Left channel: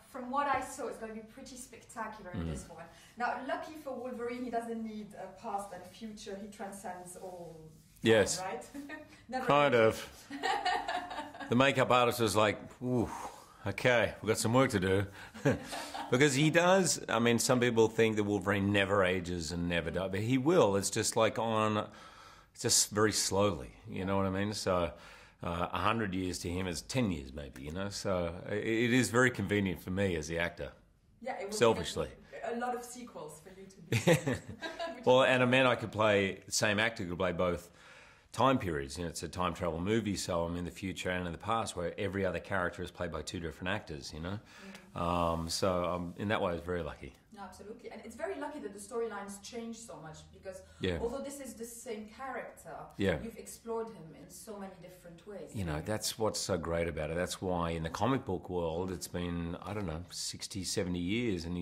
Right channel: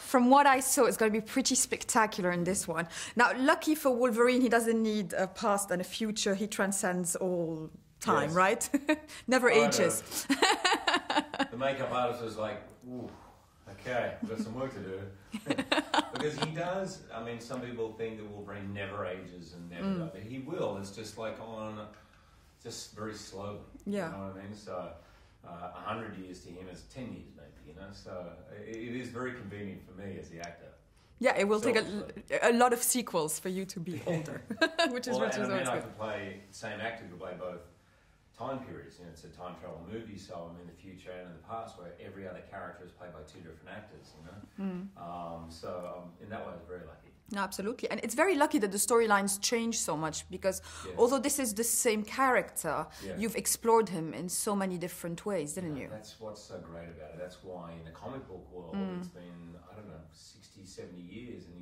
From what I saw, it's going to be pretty spectacular in this one. Now, lucky for Wolverine, he doesn't need a past and a future. He transcends all time, right? Never ages. The makeup artist was like, ooh, okay, we've got some work to do. Because he does, I mean, some people think that Wolverine never ages and never dies, but he will. It's just like just very slowly, you know what I mean? So 100 years to him is 10 years maybe, you know? So it is very convenient for me as the actor. Yeah, it will take a lot of sequels for you to be which well, and I mean, I could play, the same actor could play both time periods. You know, it's a time travel movie, so I'm in the future and in the past, where every other character is played by two different actors, you know? So in that way, I was very lucky. No, absolutely. And it's very lucky that the storylines change so much, because although this is the same character, you've explored him in so many different ways, didn't you? That's what's so great about it. That's why in the comic book world, it's been, I don't know, 60, 70 years, and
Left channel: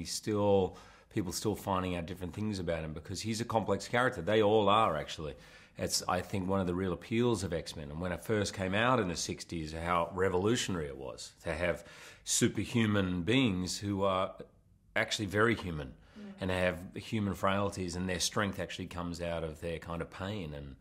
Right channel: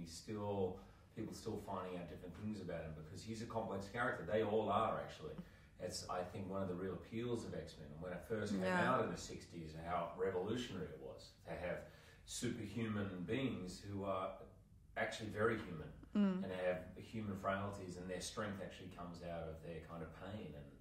people still finding out different things about him, because he's a complex character. They all are, actually. It's, I think, one of the real appeals of X-Men. And when it first came out in the 60s, how revolutionary it was to have superhuman beings who are actually very human and have human frailties, and their strength actually comes out of their kind of pain and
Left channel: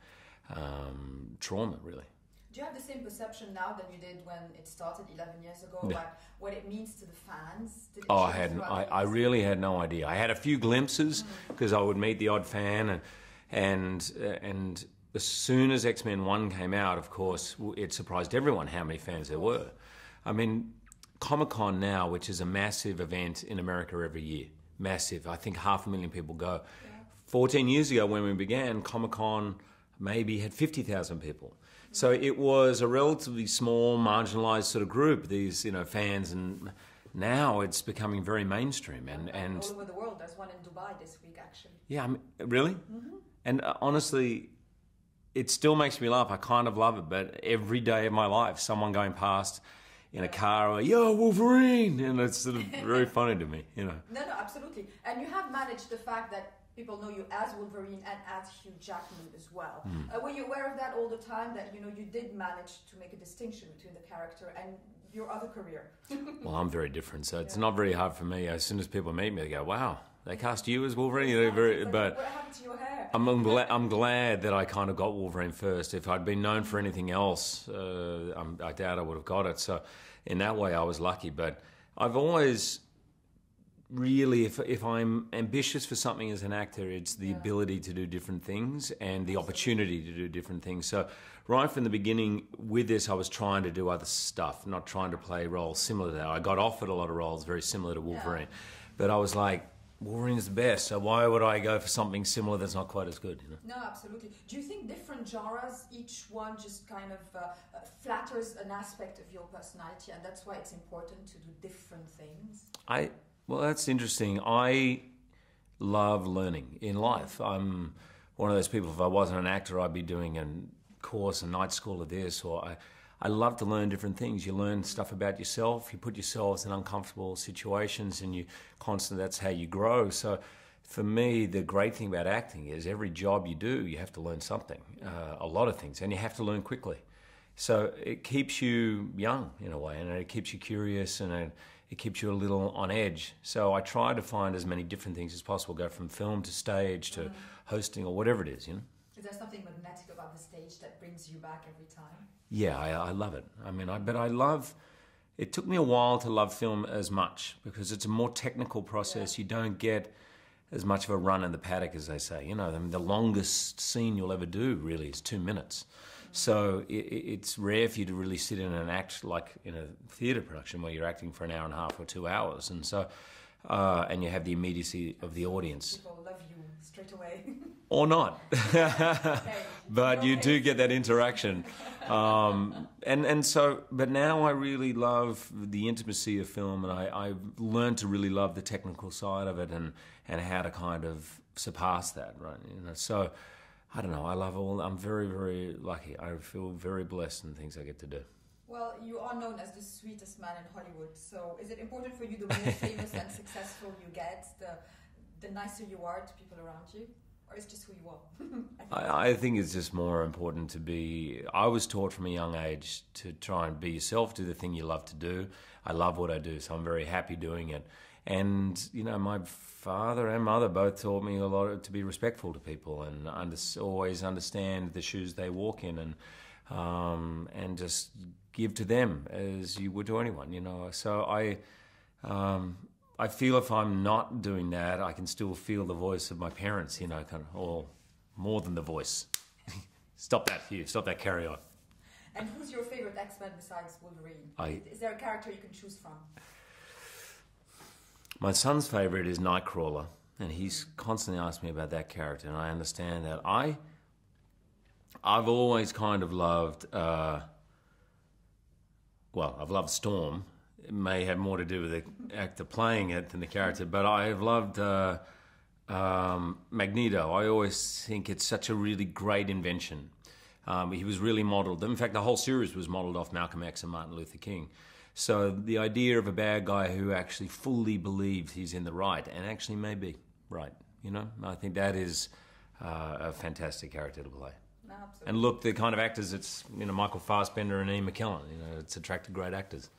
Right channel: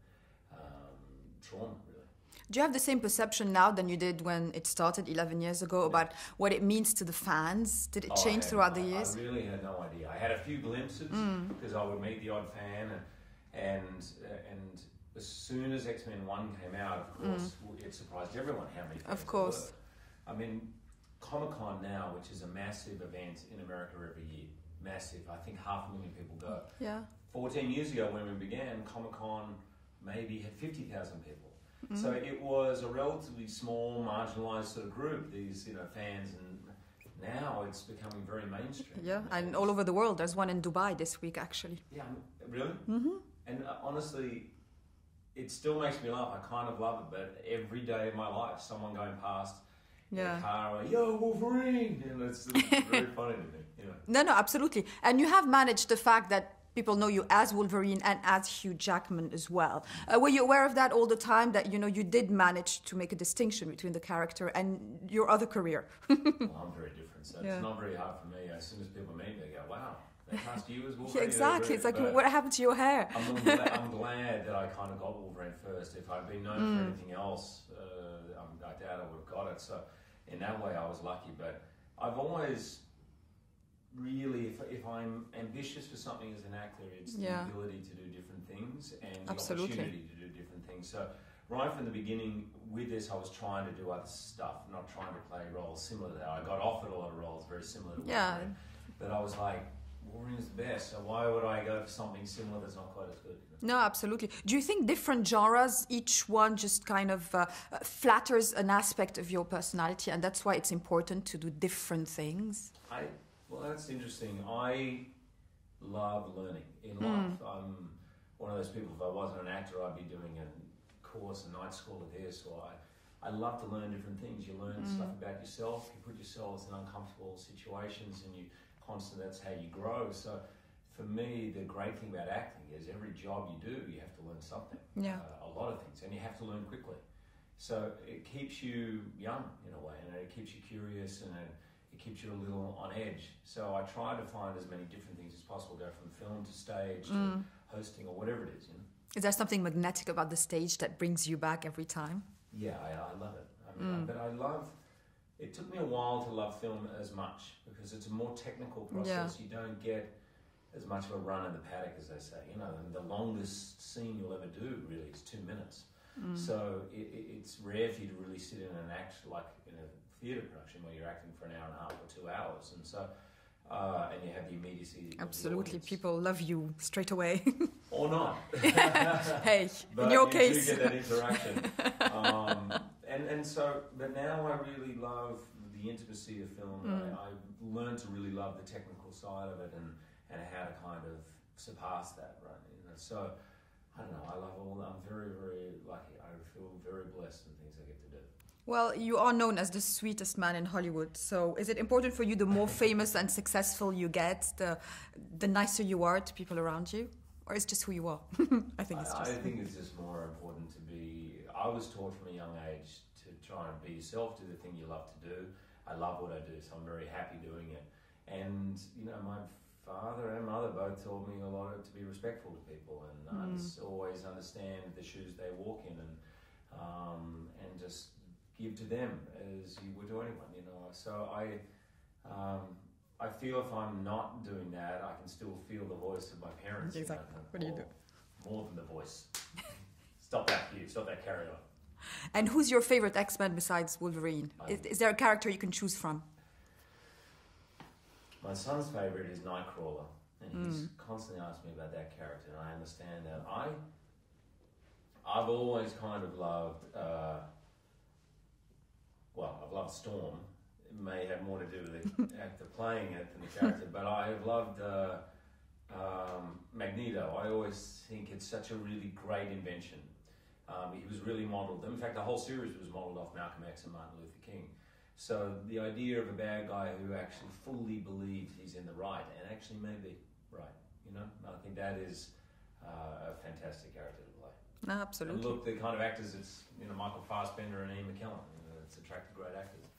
trauma, really. Do you have the same perception now than you did when it started 11 years ago about what it means to the fans? Did it change throughout the years? I really had no idea. I had a few glimpses because I would meet the odd fan, and as soon as X-Men 1 came out, of course, it surprised everyone how many fans there were. I mean, Comic-Con now, which is a massive event in America every year, massive. I think 500,000 people go. 14 years ago when we began, Comic-Con maybe had 50,000 people. So it was a relatively small, marginalized sort of group, these, you know, fans, and now it's becoming very mainstream. And all over the world. There's one in Dubai this week, actually. Yeah, I mean, really? And honestly, it still makes me laugh. I kind of love it, but every day of my life, someone going past in a car, like, yo, Wolverine! And it's sort of very funny to me, you know. No, absolutely. And you have managed the fact that people know you as Wolverine and as Hugh Jackman as well. Were you aware of that all the time, that, you know, you did manage to make a distinction between the character and your other career? Well, I'm very different, so it's not very hard for me. As soon as people meet me, they go, wow, they cast you as Wolverine. Exactly. It's like, what happened to your hair? I'm glad that I kind of got Wolverine first. If I'd been known for anything else, I doubt I would have got it. So in that way, I was lucky. But I've always really, if I'm ambitious for something as an actor, it's the ability to do different things and the opportunity to do different things. So right from the beginning with this, I was trying to do other stuff, not trying to play roles similar to that. I got offered a lot of roles very similar to Wolverine, but I was like, Wolverine's the best, so why would I go for something similar that's not quite as good? You know? No, absolutely. Do you think different genres, each one just kind of flatters an aspect of your personality, and that's why it's important to do different things? Well, that's interesting. I love learning in life. I'm one of those people, if I wasn't an actor, I'd be doing a course, a night school of this, or I love to learn different things. You learn stuff about yourself, you put yourselves in uncomfortable situations, and that's how you grow. So for me, the great thing about acting is every job you do, you have to learn something, a lot of things, and you have to learn quickly. So it keeps you young in a way, and it keeps you curious, and it keeps you a little on edge. So I try to find as many different things as possible, go from film to stage to hosting or whatever it is, you know. Is there something magnetic about the stage that brings you back every time? Yeah, I love it. I mean, but I love, it took me a while to love film as much because it's a more technical process. You don't get as much of a run in the paddock, as they say. You know, I mean, the longest scene you'll ever do really is 2 minutes. So it's rare for you to really sit in and act like in a theatre production where you're acting for an hour and a half or 2 hours. And so, and you have the immediacy of the audience. People love you straight away. Or not. Hey, but in your you case. do get that interaction. But now I really love the intimacy of film, and I've learned to really love the technical side of it and how to kind of surpass that, right? You know, so I don't know, I'm very, very lucky. I feel very blessed in the things I get to do. Well, you are known as the sweetest man in Hollywood, so is it important for you the more famous and successful you get, the nicer you are to people around you? Or it's just who you are? I think it's just more important to be... I was taught from a young age to try and be yourself, do the thing you love to do. I love what I do, so I'm very happy doing it. And you know, my father and mother both taught me a lot to be respectful to people and always understand the shoes they walk in, and just give to them as you would to anyone, you know. So I feel if I'm not doing that, I can still feel the voice of my parents, you know, kind of, or more than the voice. Stop that, Hugh. Stop that. Carry on. And who's your favorite X-Men besides Wolverine? Is there a character you can choose from? My son's favorite is Nightcrawler, and he's constantly asked me about that character, and I understand that. I've always kind of loved, I've loved Storm. It may have more to do with the actor playing it than the character, but I have loved Magneto. I always think it's such a really great invention. He was really modelled. In fact, the whole series was modelled off Malcolm X and Martin Luther King. So the idea of a bad guy who actually fully believes he's in the right and actually may be right, you know, I think that is a fantastic character to play. Absolutely. And look, the kind of actors, it's, you know, Michael Fassbender and Ian McKellen, you know, it's attracted great actors.